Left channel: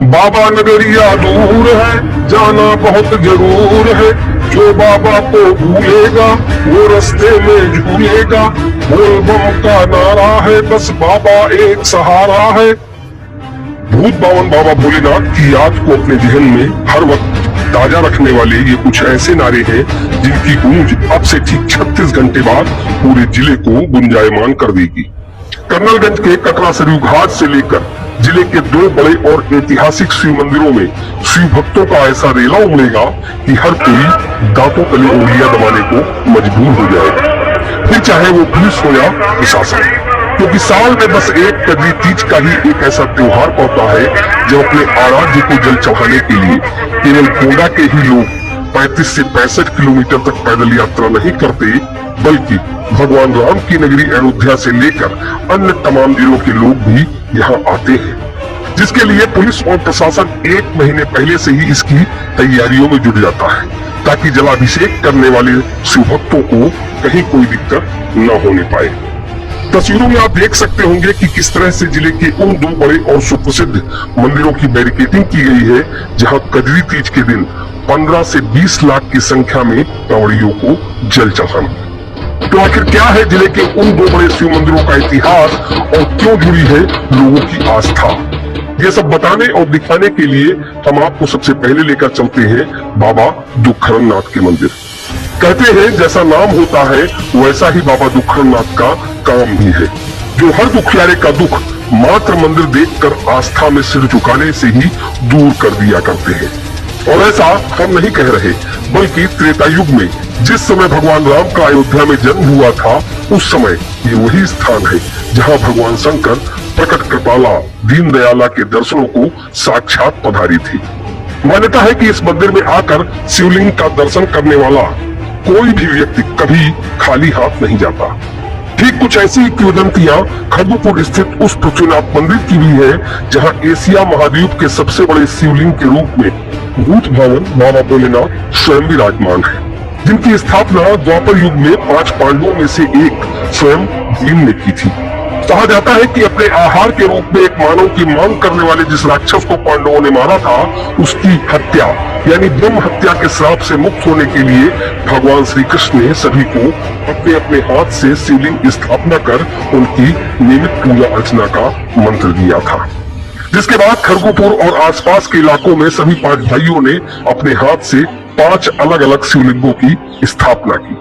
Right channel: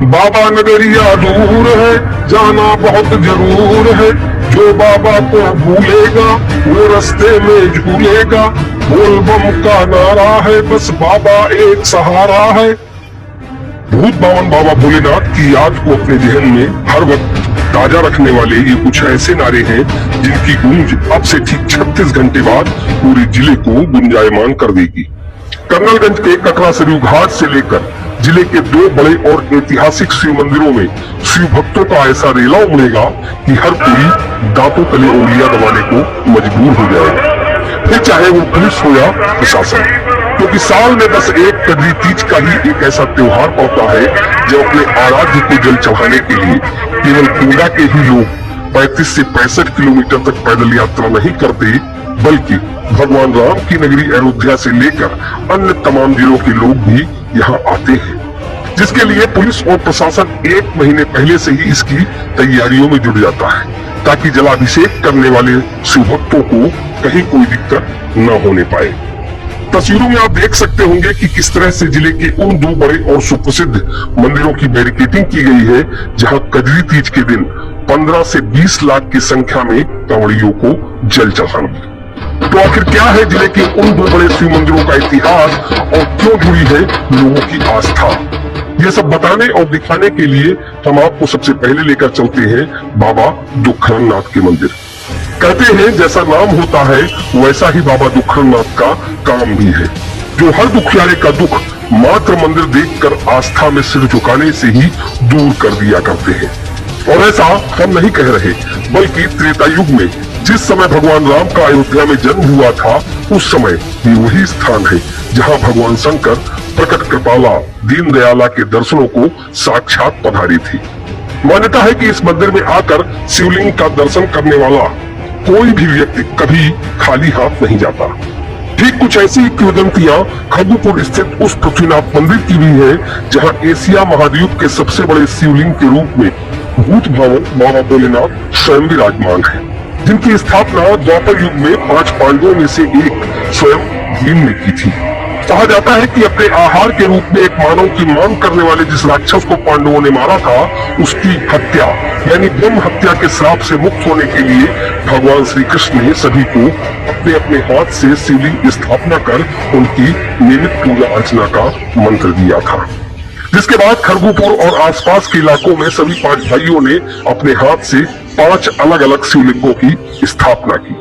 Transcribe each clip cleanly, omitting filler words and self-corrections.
बाबा नगरिया दूर है, जाना बहुत जरूर है। जो बाबा को भूलेगा वो रास्ते में झूलेगा। बोल बम का नारा है, बस बाबा एक सहारा है। भूत बावन बाबा भोलेनाथ की याद को अपने जहन में हर वक्त ताजा रखने वाले ये कुछ ऐसे नारे हैं जिनकी गूंज अब से ठीक 36 घंटे बाद पूरे जिले को गुंजायमान कर देगी। कर्नलगंज के कटरा सरयू घाट से लेकर जिले के दो बड़े और ऐतिहासिक शिव मंदिरों में शिव भक्तों का ऐसा रेला उमड़ेगा कि हर कोई दांतों तले उंगलियां दबाने को मजबूर हो जाएगा, फिर चाहे वो पुलिस हो या प्रशासन। क्योंकि साल में बस एक कद्री तीज का ही एक ऐसा त्योहार पड़ता है जो अपने आराध्य को जल चढ़ाने के लिए केवल गोंडा के ही लोग 35 से 65 किलोमीटर तक पैदल यात्रा नहीं करते, बल्कि भगवान राम की नगरी अयोध्या से लेकर अन्य तमाम जिलों के लोग भी यहाँ आते हैं, जिसके लिए पुलिस और प्रशासन 1 महीने पहले से ही इसकी तैयारियों में जुट जाता है ताकि जलाभिषेक करने वाले शिव भक्तों को कहीं कोई दिक्कत न होने पाए। तस्वीरों में आप देख सकते होंगे कि किस तरह से जिले के उन दो बड़े और सुप्रसिद्ध मंदिरों की बैरिकेडिंग की गई है जहां कजरी तीज के दिन 15 से 20 लाख की संख्या में कांवड़ियों को जल चढ़ाना। तो आखिर क्या है जिले के उन दो बड़े शिव मंदिरों का इतिहास और क्यों जुड़ी है लोगों की आस्था, ये सब बताने और दिखाने के लिए हम आपको सबसे पहले लेकर चलते हैं बाबा दुखरामनाथ के मंदिर। कहते हैं जैसा नाम होता है वैसा ही बाबा दुखरामनाथ का काम भी है, जो हर दुखियारे का दुख मात्र मंदिर देखकर आस्था में सिर झुकाने से ही दूर कर दिया करते हैं। और ऐसा हम नहीं कह रहे, बल्कि त्रेता युग में जिस समय भगवान राम का अयोध्या में जन्म हुआ था उस समय ये वही स्थान है जहाँ भगवान शंकर प्रकट कृपाला दीन दयाला के दर्शनों को साक्षात पधारी थी। मान्यता है कि इस मंदिर में आकर शिवलिंग का दर्शन करने वाला कोई भी व्यक्ति कभी खाली हाथ नहीं जाता। ठीक कुछ ऐसी किंवदंतियां खरगपुर स्थित उस पृथ्वीनाथ मंदिर की भी है जहां एशिया महाद्वीप के सबसे बड़े शिवलिंग के रूप में भूत भवन बाबा भोलेनाथ स्वयं विराजमान है, जिनकी स्थापना द्वापर युग में 5 पांडवों में से एक स्वयं भीम ने की थी। कहा जाता है कि अपने आहार के रूप में एक मानव की मांग करने वाले जिस राक्षस को पांडवों ने मारा था उसकी हत्या यानी ब्रह्म हत्या के श्राप से मुक्त होने के लिए भगवान श्री कृष्ण ने सभी को अपने अपने हाथ से शिवलिंग स्थापना कर उनकी नियमित पूजा अर्चना का मंत्र दिया था, जिसके बाद खरगपुर और आसपास के इलाकों में सभी 5 भाइयों ने अपने हाथ से 5 अलग अलग शिवलिंगों की स्थापना की,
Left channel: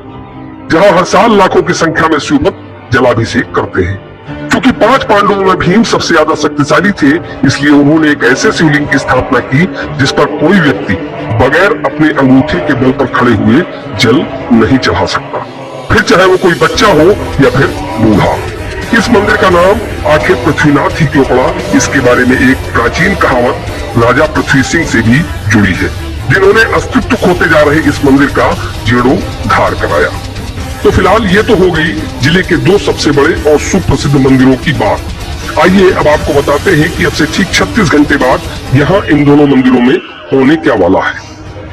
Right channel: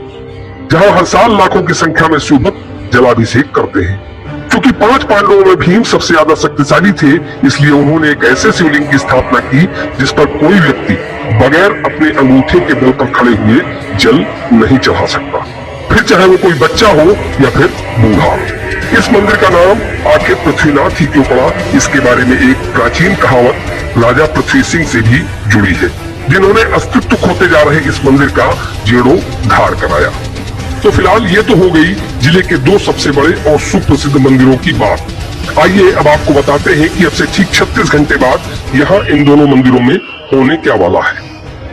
जहाँ हर साल लाखों की संख्या में शिव भक्त जलाभिषेक करते हैं। क्योंकि 5 पांडवों में भीम सबसे ज्यादा शक्तिशाली थे, इसलिए उन्होंने एक ऐसे शिवलिंग की स्थापना की जिस पर कोई व्यक्ति बगैर अपने अंगूठे के बल पर खड़े हुए जल नहीं चढ़ा सकता, फिर चाहे वो कोई बच्चा हो या फिर बूढ़ा। इस मंदिर का नाम आखिर पृथ्वीनाथ ही क्यों पड़ा, इसके बारे में एक प्राचीन कहावत राजा पृथ्वी सिंह से भी जुड़ी है, जिन्होंने अस्तित्व खोते जा रहे इस मंदिर का जीर्णोद्धार कराया। तो फिलहाल ये तो हो गई जिले के 2 सबसे बड़े और सुप्रसिद्ध मंदिरों की बात। आइए अब आपको बताते हैं कि अब से ठीक 36 घंटे बाद यहाँ इन दोनों मंदिरों में होने क्या वाला है।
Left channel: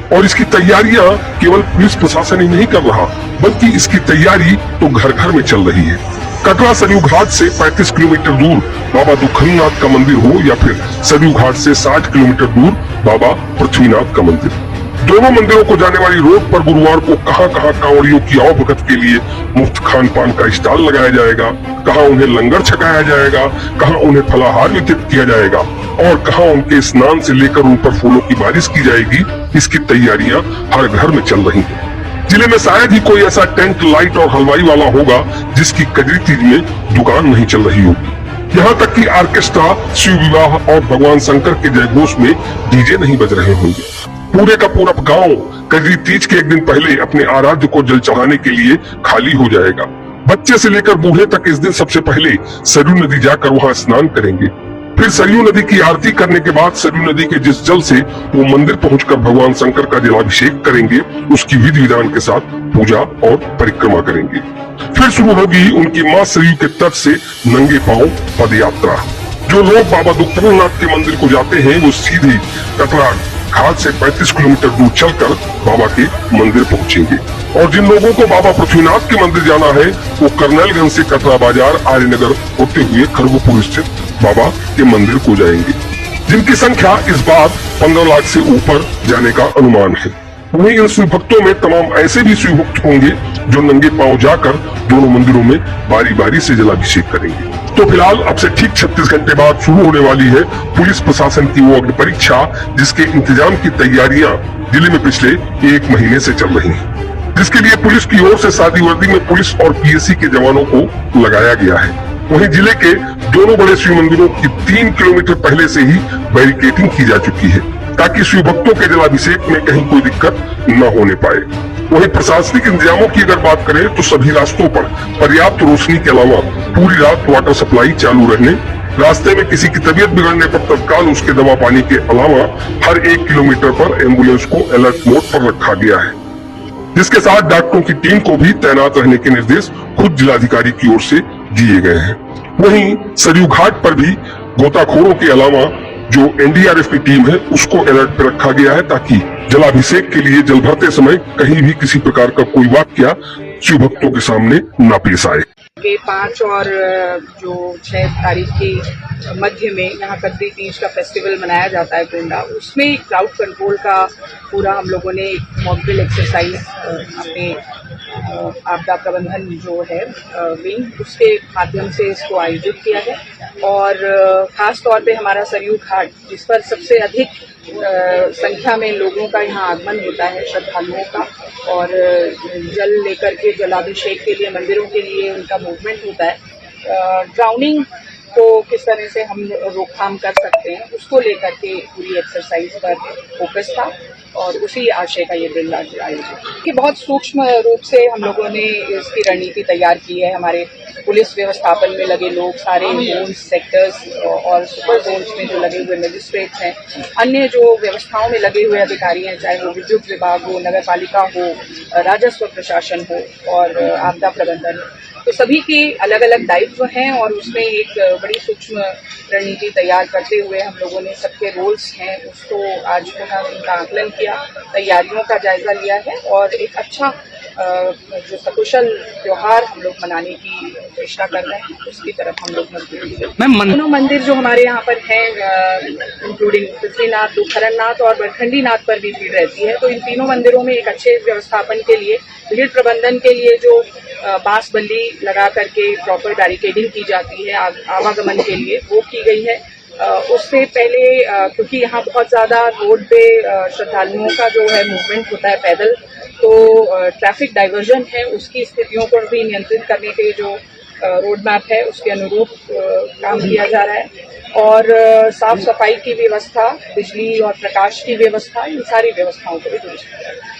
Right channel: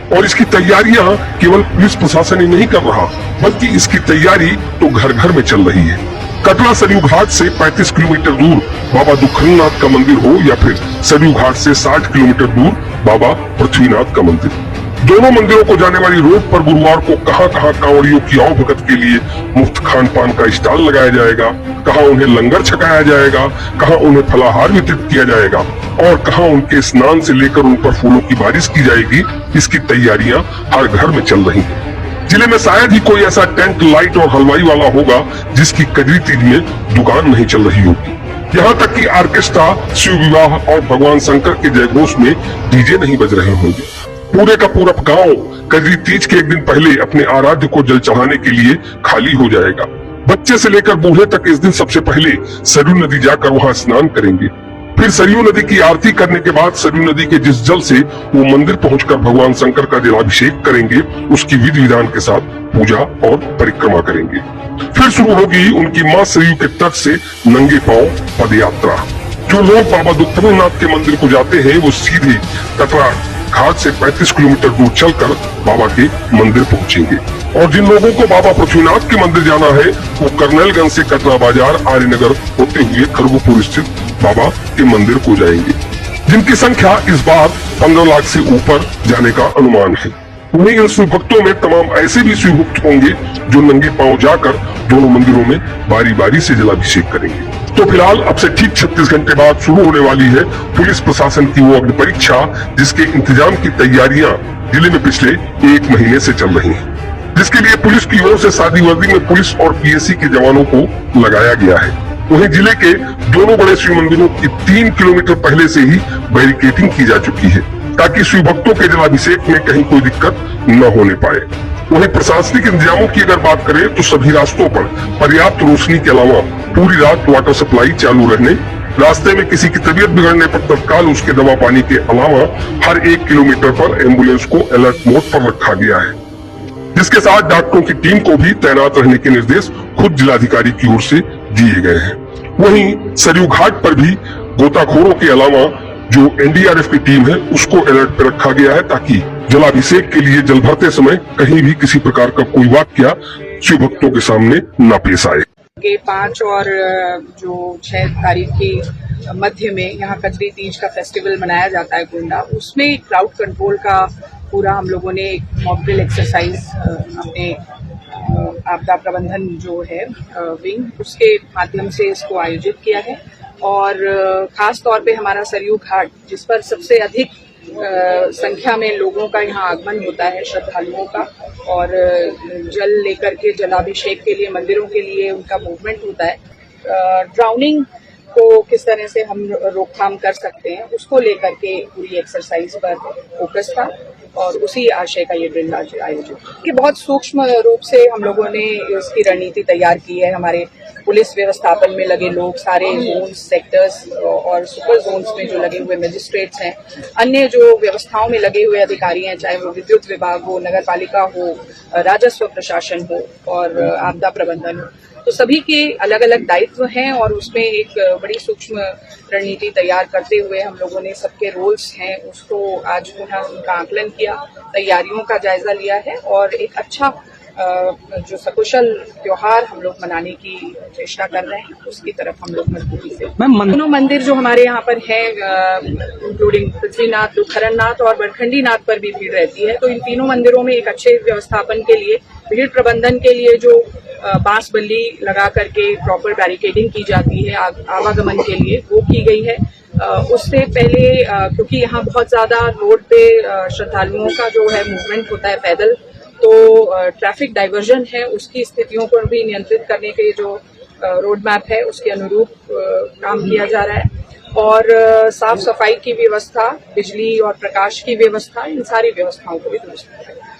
और इसकी तैयारियां केवल पुलिस प्रशासन ही नहीं कर रहा, बल्कि इसकी तैयारी तो घर घर में चल रही है। कटरा सरयू घाट से 35 किलोमीटर दूर बाबा दुखरामनाथ का मंदिर हो या फिर सरयू घाट से 60 किलोमीटर दूर बाबा पृथ्वीनाथ का मंदिर, दोनों मंदिरों को जाने वाली रोड पर गुरुवार को कहां कांवड़ियों की आवभगत के लिए मुफ्त खान पान का स्टॉल लगाया जाएगा, कहां उन्हें लंगर छकाया जाएगा, कहां उन्हें फलाहार वितरित किया जाएगा और कहां उनके स्नान से लेकर उन पर फूलों की बारिश की जाएगी। इसकी तैयारियां हर घर में चल रही हैं। जिले में शायद ही कोई ऐसा टेंट, लाइट और हलवाई वाला होगा जिसकी कजरी तीज में दुकान नहीं चल रही होगी। यहाँ तक कि ऑर्केस्ट्रा शिव विवाह और भगवान शंकर के जयघोष में डीजे नहीं बज रहे होंगे। पूरे का पूरा गांव कजरी तीज के एक दिन पहले अपने आराध्य को जल चढ़ाने के लिए खाली हो जाएगा। बच्चे से लेकर बूढ़े तक इस दिन सबसे पहले सरयू नदी जाकर वहां स्नान करेंगे, फिर सरयू नदी की आरती करने के बाद सरयू नदी के जिस जल से वो मंदिर पहुंचकर भगवान शंकर का जलाभिषेक करेंगे, उसकी विधि विधान के साथ पूजा और परिक्रमा करेंगे। फिर शुरू होगी उनकी माँ सरयू के तट से नंगे पांव पद यात्रा। जो लोग बाबा दुखरामनाथ के मंदिर को जाते हैं वो सीधे कटरा घाट से 35 किलोमीटर दूर चलकर बाबा के मंदिर पहुंचेंगे। और जिन लोगों को बाबा पृथ्वीनाथ के मंदिर जाना है वो कर्नलगंज से कटरा बाजार आर्यनगर होते हुए खरगपुर स्थित बाबा के मंदिर को जाएंगे। जिनकी संख्या इस बार 15 लाख से ऊपर जाने का अनुमान है। वहीं इन शिव भक्तों में तमाम ऐसे भी शिव भक्त होंगे जो नंगे पांव जाकर दोनों मंदिरों में बारी बारी से जलाभिषेक करेंगे। तो फिलहाल अब से ठीक 36 घंटे बाद शुरू होने वाली है पुलिस प्रशासन की वो अग्नि परीक्षा, जिसके इंतजाम की तैयारियां जिले में पिछले 1 महीने से चल रही हैं, जिसके लिए पुलिस की ओर से सादी वर्दी में पुलिस और पीएससी के जवानों को लगाया गया है। वहीं जिले के दोनों बड़े शिव मंदिरों की 3 किलोमीटर पहले से ही बैरिकेडिंग की जा चुकी है, ताकि शिव भक्तों के जलाभिषेक में कहीं कोई दिक्कत न होने पाए। वहीं प्रशासनिक इंतजामों की अगर बात करें तो सभी रास्तों पर पर्याप्त रोशनी के अलावा पूरी रात वाटर सप्लाई चालू रहने, रास्ते में किसी की तबीयत बिगड़ने पर तत्काल उसके दवा पानी के अलावा हर 1 किलोमीटर पर एम्बुलेंस को अलर्ट मोड पर रखा गया है, जिसके साथ डॉक्टरों की टीम को भी तैनात रहने के निर्देश खुद जिलाधिकारी की ओर से दिए गए हैं। वहीं सरयू घाट पर भी गोताखोरों के अलावा जो एनडीआरएफ की टीम है उसको अलर्ट पर रखा गया है, ताकि जलाभिषेक के लिए जल भरते समय कहीं भी किसी प्रकार का कोई वाकया शिव भक्तों के सामने न पेश आए। 5 और जो 6 तारीख की मध्य में यहाँ कद्री तीज का फेस्टिवल मनाया जाता है गोंडा, उसमें क्राउड कंट्रोल का पूरा हम लोगों ने एक मॉक ड्रिल एक्सरसाइज अपने आपदा प्रबंधन जो है विंग, उसके माध्यम से इसको आयोजित किया है। और खास तौर पे हमारा सरयू घाट, जिस पर सबसे अधिक संख्या में लोगों का यहाँ आगमन होता है, श्रद्धालुओं का, और जल लेकर के जलाभिषेक के लिए मंदिरों के लिए उनका मूवमेंट होता है। ड्राउनिंग को किस तरह से हम रोकथाम कर सकते हैं उसको लेकर के पूरी एक्सरसाइज पर फोकस था, और उसी आशय का ये ड्रिल आज आयोजित कि बहुत सूक्ष्म रूप से हम लोगों ने इसकी रणनीति तैयार की है। हमारे पुलिस व्यवस्थापन में लगे लोग, सारे जोन्स, सेक्टर्स और सुपर जोन्स में जो लगे हुए मजिस्ट्रेट्स हैं, अन्य जो व्यवस्थाओं में लगे हुए अधिकारी हैं, चाहे वो विद्युत विभाग हो, नगर पालिका हो, राजस्व प्रशासन हो और आपदा प्रबंधन हो, तो सभी के अलग अलग दायित्व हैं और उसमें एक बड़ी सूक्ष्म रणनीति तैयार करते हुए हम लोगों ने सबके रोल्स हैं उसको आज पुनः उनका आकलन किया, तैयारियों का जायजा लिया है और एक अच्छा जो सकुशल त्योहार हम लोग मनाने की चेष्टा कर रहे हैं उसकी तरफ हम लोग मजबूती से। दोनों मंदिर जो हमारे यहाँ पर हैं, इंक्लूडिंग पृथ्वीनाथ, खरनाथ और बरखंडी नाथ पर भी भीड़ रहती है, तो इन तीनों मंदिरों में एक अच्छे व्यवस्थापन के लिए, भीड़ प्रबंधन के लिए जो बांस बल्ली लगा करके प्रॉपर बैरिकेडिंग की जाती है आवागमन के लिए, वो की गई है। उससे पहले क्योंकि यहाँ बहुत ज़्यादा रोड पे श्रद्धालुओं का जो है मूवमेंट होता है पैदल, तो ट्रैफिक डाइवर्जन है, उसकी स्थितियों पर भी नियंत्रित करने के जो रोड मैप है उसके अनुरूप काम किया जा रहा है। और साफ सफाई की व्यवस्था, बिजली और प्रकाश की व्यवस्था, इन सारी व्यवस्थाओं को भी दुरुस्त किया जा रहा है।